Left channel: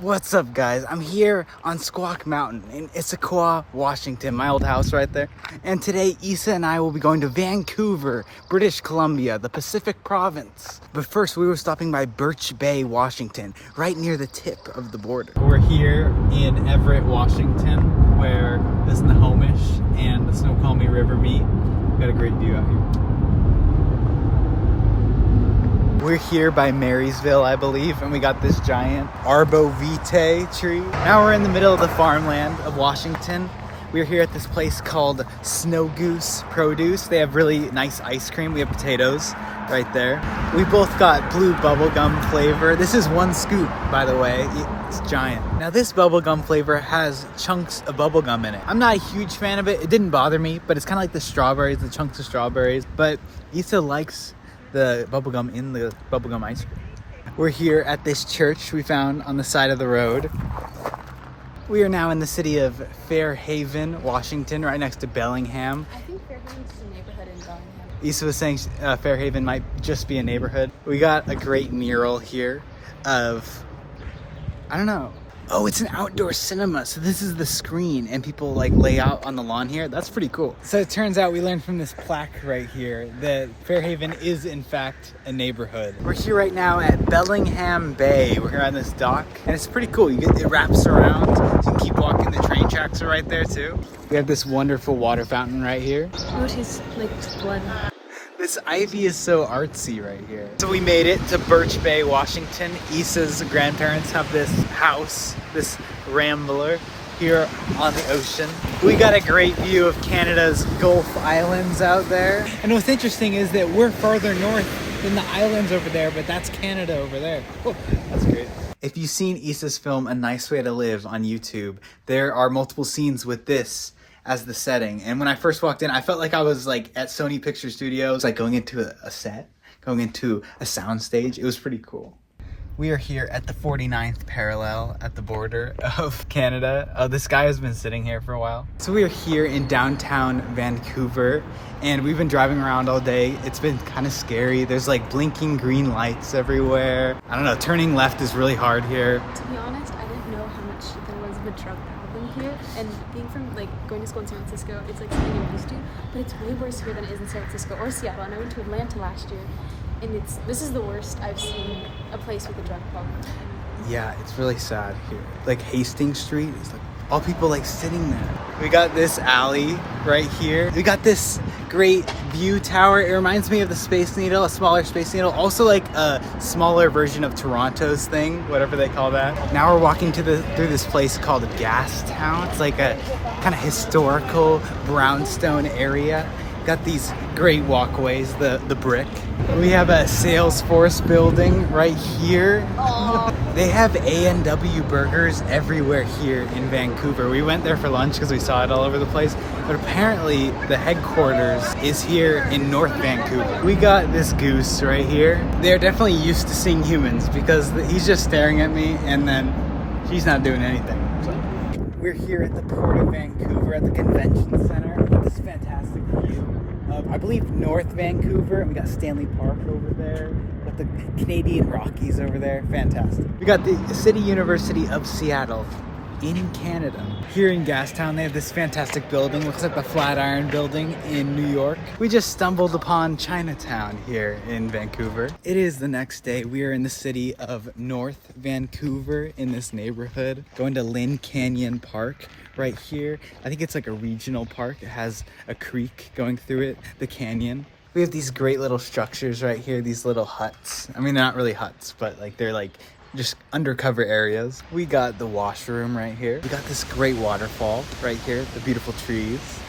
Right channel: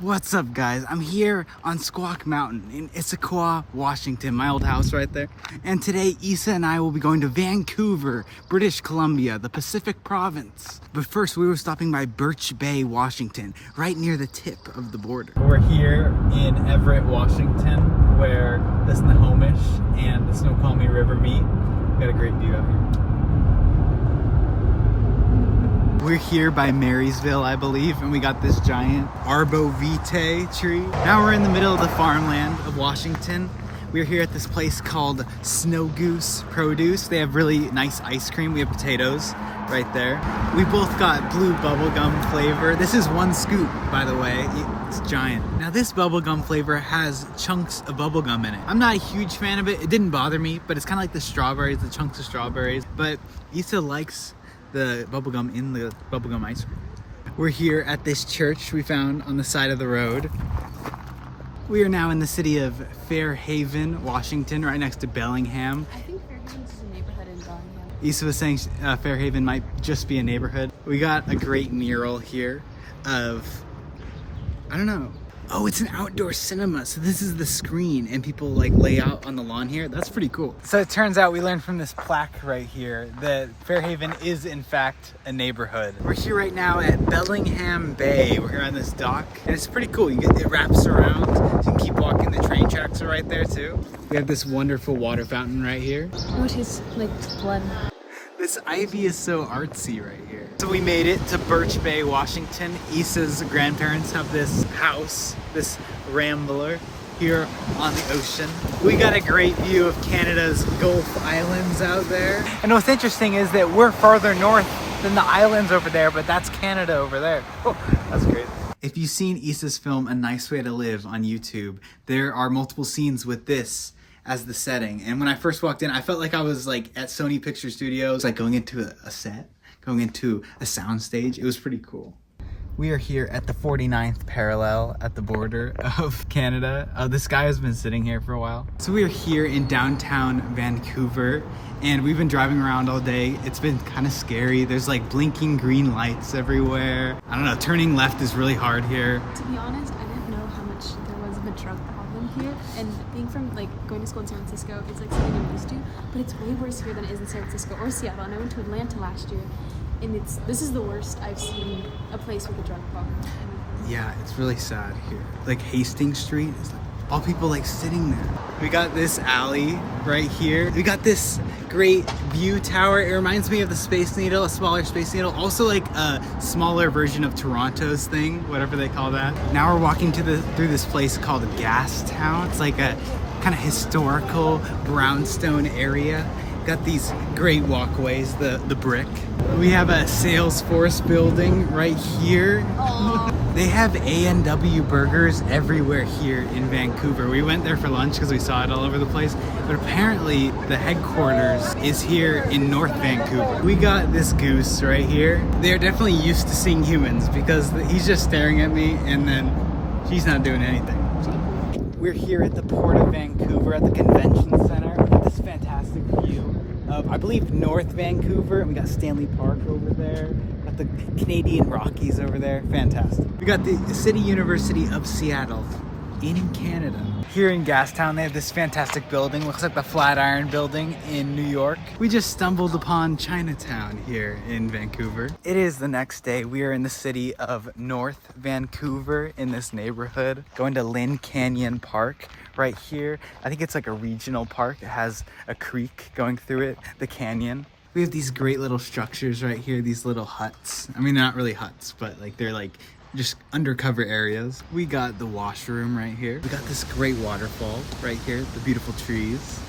What's up, guys? I'm here on Squawk Mountain in Issaquah, Washington, my old house right there. And today, Issa and I will be going to Vancouver, British Columbia, the Pacific province. But first, we were stopping by Birch Bay, Washington, right near the tip of the border. We're here in Everett, Washington, where the Snohomish and the Snoqualmie River meet. Got a great view out here. We're here by Marysville, I believe, and we got this giant arbor-vitae tree. Now we're in the middle of the farmland of Washington. We're here at this place called Snow Goose Produce. They have really nice ice cream. We have potatoes right there. We both got blue bubblegum flavor. This is one scoop, by the way. It's giant. Now this bubblegum flavor has chunks of bubblegum in it. I'm not a huge fan of it. It didn't bother me, but it's kind of like the strawberries, the chunks of strawberries. But Issa likes the bubblegum in the bubblegum ice cream. We're here at this church we found on the side of the road. We are now in the city of Fairhaven, Washington, right next to Bellingham. I think Fairhaven is a neighborhood in Bellingham. Issa was saying Fairhaven might just be a neighborhood. We got a great mural here of, I don't know. Oh, it's an outdoor cinema. So this is the screen and people like lay out on the lawn here. That's pretty cool. So it turns out we learned from this plaque right here that Fairhaven is in fact a neighborhood. We're here right now at Bellingham Bay. We're here on this dock and it's pretty cool. It wraps around. You can keep walking. The train tracks are right there too. We have this wonderful water fountain right here. Oh, it is like blood. This ivy is so artsy right here. So we made it to Birch Bay, Washington. Issa's grandparents have this house, this rambler here on the ocean. We got a great view of Canada's Gulf Islands out there. And what's interesting is that we're farther north than the islands over there, but that's Canada over there. Oh, that's great. If you've seen Issa's film A Nice Way to Live on YouTube, there are multiple scenes with this as the setting. And when I first walked in, I felt like I was like at Sony Picture Studios, like going into a set, going into a sound stage. It was pretty cool. We are here at the 49th parallel at the border of Canada. This guy has been sitting here for a while. So we are here in downtown Vancouver and we've been driving around all day. It's been kind of scary. There's like blinking green lights everywhere. I don't know, turning left is really hard here. To be honest, I didn't know how much there was of a drug problem here. And being from like going to school in San Francisco, it's like something I'm used to. But it's way worse here than it is in San Francisco or Seattle. And I went to Atlanta last year. And this is the worst I've seen a place with a drug problem. Yeah, it's really sad here. Like Hastings Street is like all people like sitting there. We got this alley right here. We got this great view tower. It reminds me of the Space Needle, a smaller Space Needle. Also like a smaller version of Toronto's thing, whatever they call that. Now we're walking through this place called Gastown. It's like a kind of historical brownstone area. Got these great walkways, the brick. We have a Salesforce building right here. They have A&W burgers everywhere here in Vancouver. We went there for lunch because we saw it all over the place. But apparently the headquarters is here in North Vancouver. We got this goose right here. They're definitely used to seeing humans because he's just staring at me and then she's not doing anything. So. We're here at the Port of Vancouver at the Convention Center. We got this fantastic view of, I believe, North Vancouver. And we got Stanley Park over there. We got the Canadian Rockies over there. Fantastic. We got the City University of Seattle in Canada. Here in Gastown, they have this fantastic building. Looks like the Flatiron Building in New York. We just stumbled upon Chinatown here in Vancouver. It is the next day. We are in the city of North Vancouver in this neighborhood. Going to Lynn Canyon Park right here. I think it's like a regional park. It has a creek going through it, the canyon. We have these great little structures right here, these little huts. I mean, they're not really huts, but like they're like just undercover areas. We got the washroom right here. We got this great waterfall right here, the beautiful trees.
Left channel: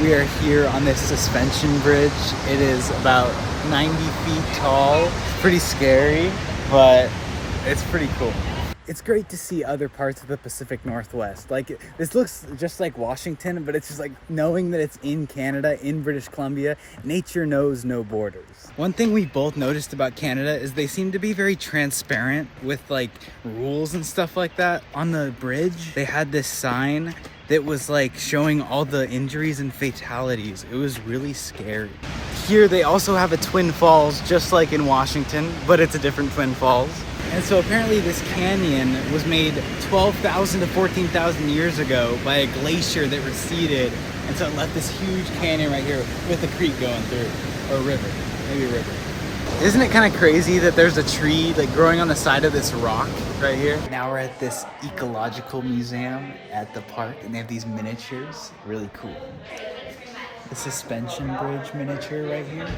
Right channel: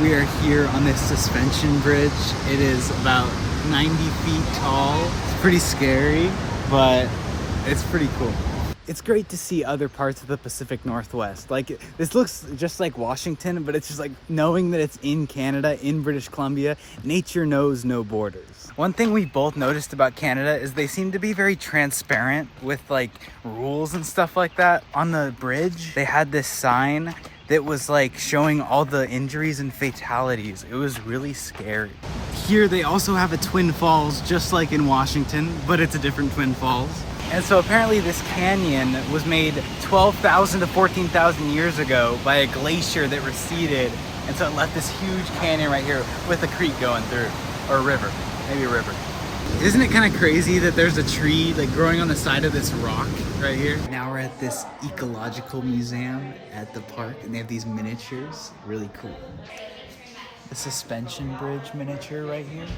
We are here on this suspension bridge. It is about 90 feet tall. It's pretty scary, but it's pretty cool. It's great to see other parts of the Pacific Northwest. Like, this looks just like Washington, but it's just like knowing that it's in Canada, in British Columbia, nature knows no borders. One thing we both noticed about Canada is they seem to be very transparent with like rules and stuff like that. On the bridge, they had this sign that was like showing all the injuries and fatalities. It was really scary. Here they also have a Twin Falls, just like in Washington, but it's a different Twin Falls. And so apparently this canyon was made 12,000 to 14,000 years ago by a glacier that receded. And so it left this huge canyon right here with a creek going through, or a river, maybe a river. Isn't it kind of crazy that there's a tree like growing on the side of this rock right here? Now we're at this ecological museum at the park, and they have these miniatures, really cool. The suspension bridge miniature right here.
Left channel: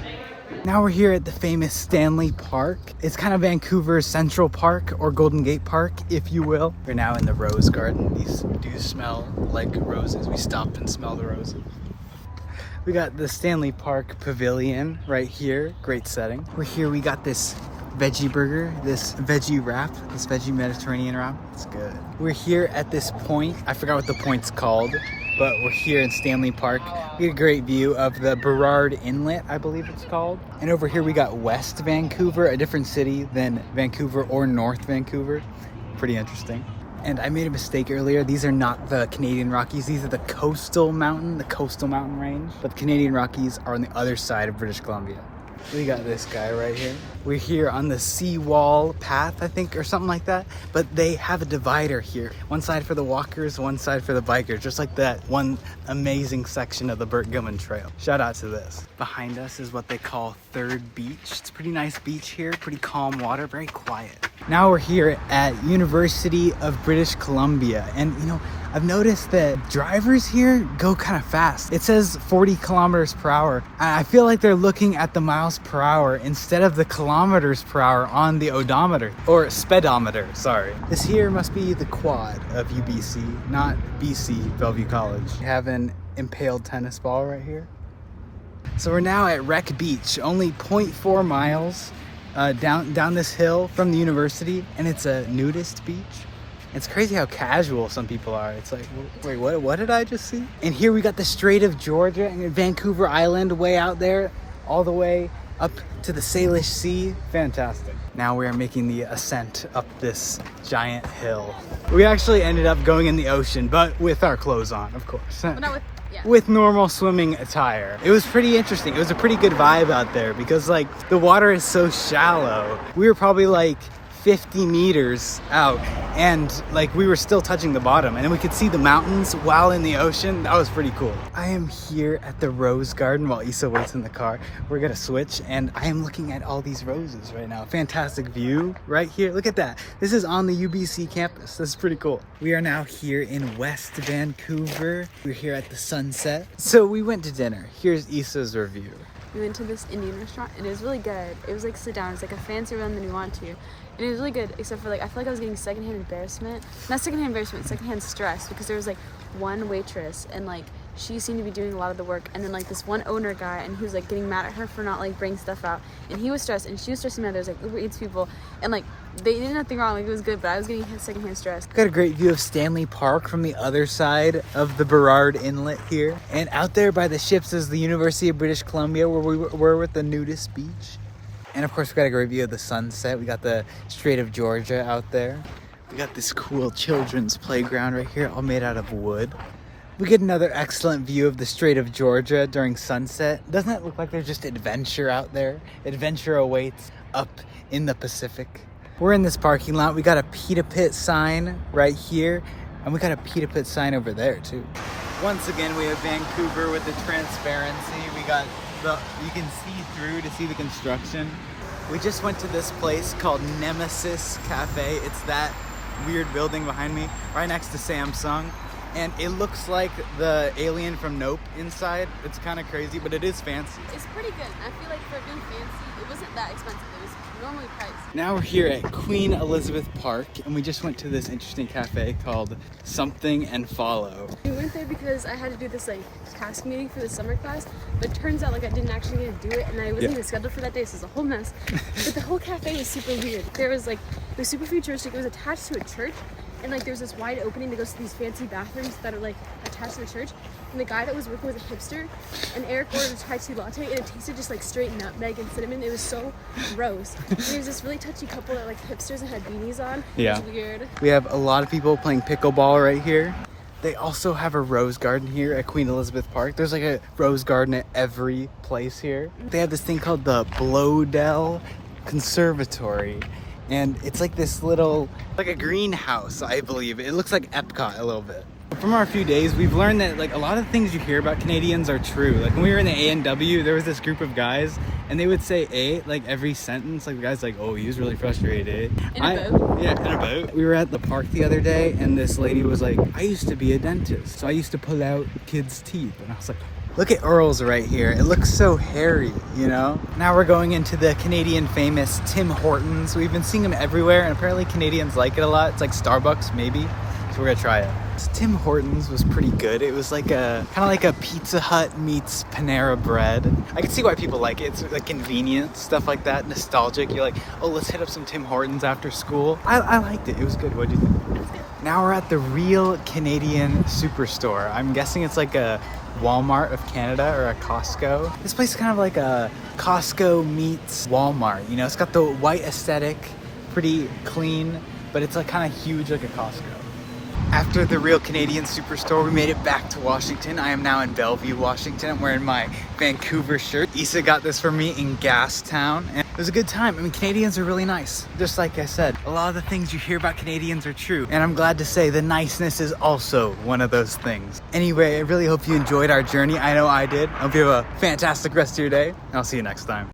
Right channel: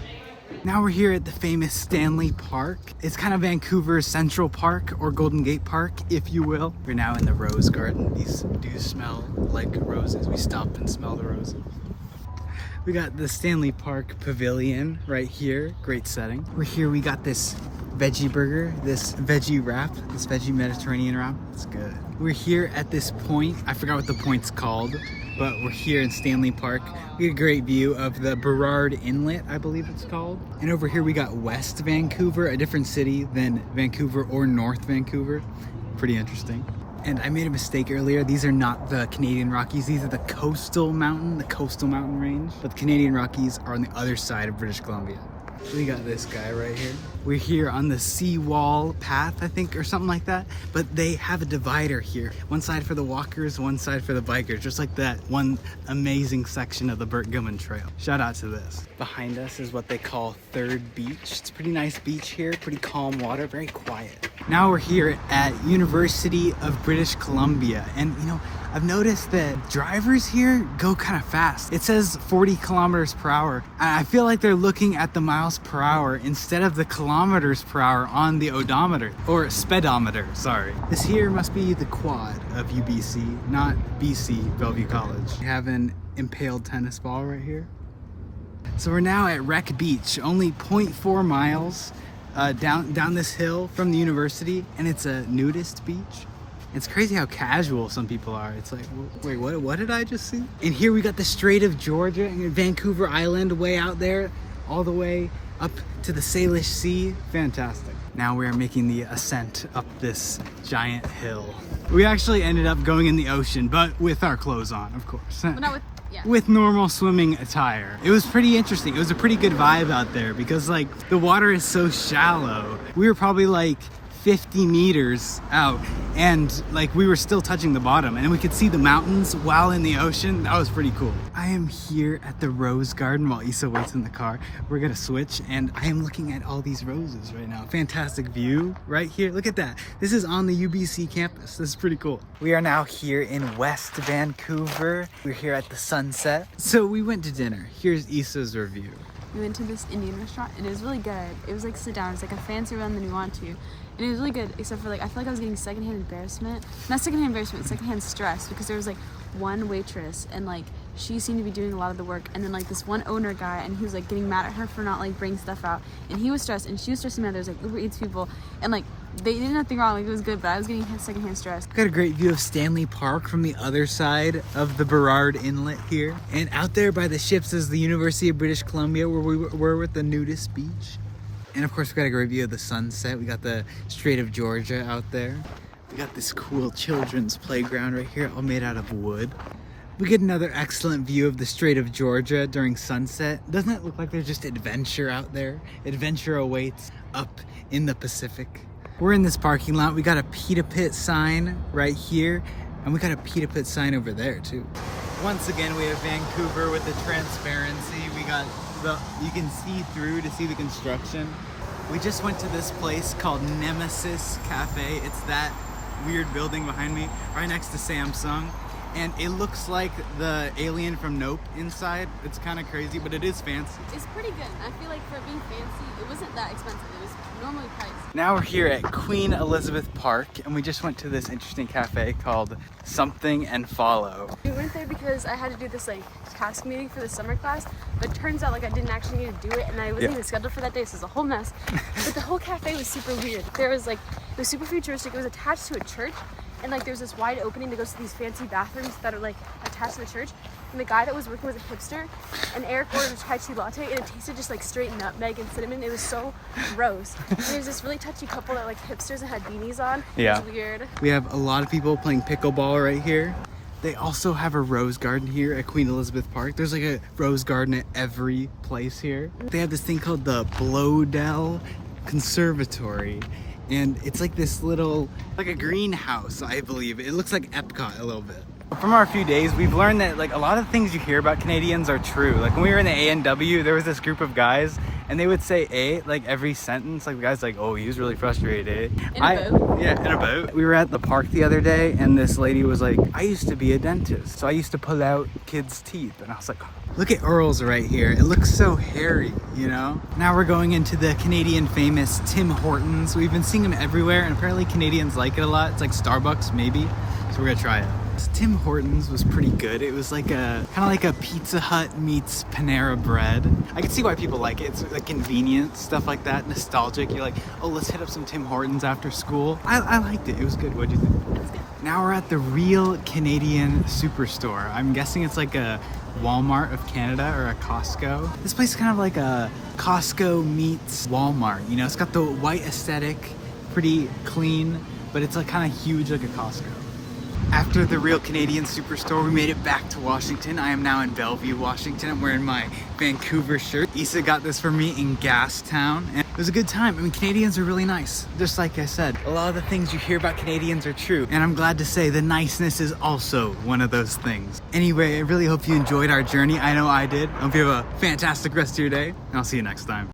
Now we're here at the famous Stanley Park. It's kind of Vancouver's Central Park, or Golden Gate Park, if you will. We're now in the rose garden. These do smell like roses. We stopped and smelled the roses. We got the Stanley Park Pavilion right here. Great setting. We're here, we got this veggie burger, this veggie wrap, this veggie Mediterranean wrap. It's good. We're here at this point. I forgot what the point's called, but we're here in Stanley Park. We get a great view of the Burrard Inlet, I believe it's called. And over here we got West Vancouver, a different city than Vancouver or North Vancouver. Pretty interesting. And I made a mistake earlier. These are not the Canadian Rockies. These are the coastal mountain range. But the Canadian Rockies are on the other side of British Columbia. We got this guy right here. We're here on the seawall path, I think, or something like that. But they have a divider here. One side for the walkers, one side for the bikers. Just like that one amazing section of the Burt Gilman Trail. Shout out to this. Behind us is what they call Third Beach. It's a pretty nice beach here, pretty calm water, very quiet. Now we're here at University of British Columbia. And you know, I've noticed that drivers here go kind of fast. It says 40 kilometers per hour. And I feel like they're looking at the miles per hour instead of the kilometers per hour on the odometer, or speedometer, sorry. This here must be the quad of UBC, not BC Bellevue College. We have an impaled tennis ball right here. So we're now at Wreck Beach, only 0.4 miles down this hill from the university, and it's a nudist beach. It's crazy how casual some people are. It's like, wait, what did I just see? And here we got the Strait of Georgia and Vancouver Island way out there, all the way up to the Salish Sea. Fantastic. Now we are making the ascent up this giant hill. We actually ended up going in the ocean, but with our clothes on, of course. Well, not with, yeah. With normal swimming attire. It was pretty interesting. It was a pretty good vibe out there because like the water is so shallow. We were probably like 50 meters out, and like we were still touching the bottom, and we could see the mountains while in the ocean. That was pretty cool. I am here at the Rose Garden while Issa waits in the car. We're gonna switch, and I am looking at all these roses right now. Fantastic view right here. Look at that. This is on the UBC campus. This is pretty cool. We are now here in West Vancouver. We're here at the Sunset. So we went to dinner. Here's Issa's review. We went to this Indian restaurant, and it was really good. It was like sit down. It's like a fancier one than you want to. And it was really good, except for like, I feel like I was getting secondhand embarrassment. Not secondhand embarrassment, secondhand stress, because there was like one waitress, and like she seemed to be doing a lot of the work, and then like this one owner guy, and he was like getting mad at her for not like bringing stuff out, and he was stressed, and she was stressing out. There was like Uber Eats people, and like they did nothing wrong. Like it was good, but I was getting secondhand stress. Got a great view of Stanley Park from the other side of the Burrard Inlet here, and out there by the ships is the University of British Columbia, where we were with the nudist beach. And of course we got a great view of the sunset. We got the Strait of Georgia out there. We got this cool children's playground right here, all made out of wood. We get another excellent view of the Strait of Georgia during sunset. Doesn't it look like there's just adventure out there? Adventure awaits up in the Pacific. We're in this parking lot. We got a Pita Pit sign right here, and we got a Pita Pit sign over there too. Once again, we have Vancouver with the transparency. We got you can see through to see the construction. We just went to this place called Nemesis Cafe. It's that weird building behind me, right next to Samsung. And it looks like the alien from Nope inside. It's kind of crazy, but it is fancy. It's pretty good. I feel like for being fancy, it wasn't that expensive. It was normally priced. Now we're here at Queen Elizabeth Park, and we just went to this interesting cafe called Something and Follow. We went there because I had to do this like task meeting for the summer class, but turns out like I didn't actually need to do it, and I wasn't even scheduled for that day, so it was a whole mess. But the whole cafe was super weird. There was like, it was super futuristic. It was attached to a church, and like there's this wide opening that goes to these fancy bathrooms that are like attached to the church. And the guy that was working was a hipster, and Eric ordered a chai tea latte, and it tasted just like straight nutmeg and cinnamon. It was so gross. And there's this really touchy couple that like hipsters and had beanies on. Yeah. It was weird. We have a lot of people playing pickleball right here. They also have a rose garden here at Queen Elizabeth Park. There's like a rose garden at every place here. They have this thing called the Blowdell Conservatory. And it's like this little, like a greenhouse, I believe. It looks like Epcot a little bit. From our few days, we've learned that like a lot of things you hear about Canadians are true. Like when we were in the A&W, there was this group of guys and they would say "eh" like every sentence. Like the guy's like, "Oh, he was really frustrated." In a boat? Yeah, in a boat. We were at the park the other day and this lady was like, "I used to be a dentist, so I used to pull out kids' teeth." And I was like, look at Earl's right here. It looks so hairy, you know? Now we're going into the Canadian famous Tim Hortons. We've been seeing them everywhere and apparently Canadians like it a lot. It's like Starbucks maybe, so we're gonna try it. So Tim Hortons was pretty good. It was like a, kind of like a Pizza Hut meets Panera Bread. I can see why people like it. It's like convenient, stuff like that, nostalgic. You're like, oh, let's hit up some Tim Hortons after school. I liked it, it was good. What'd you think? It was good. Now we're at the real Canadian Superstore. I'm guessing it's like a Walmart of Canada or a Costco. This place is kind of like a Costco meets Walmart. You know, it's got the white aesthetic, pretty clean, but it's like kind of huge like a Costco. After the real Canadian Superstore, we made it back to Washington. I am now in Bellevue, Washington. I'm wearing my Vancouver shirt. Issa got this for me in Gastown, and it was a good time. I mean, Canadians are really nice. Just like I said, a lot of the things you hear about Canadians are true, and I'm glad to say the niceness is also one of those things. Anyway, I really hope you enjoyed our journey. I know I did. I hope you have a fantastic rest of your day, and I'll see you next time.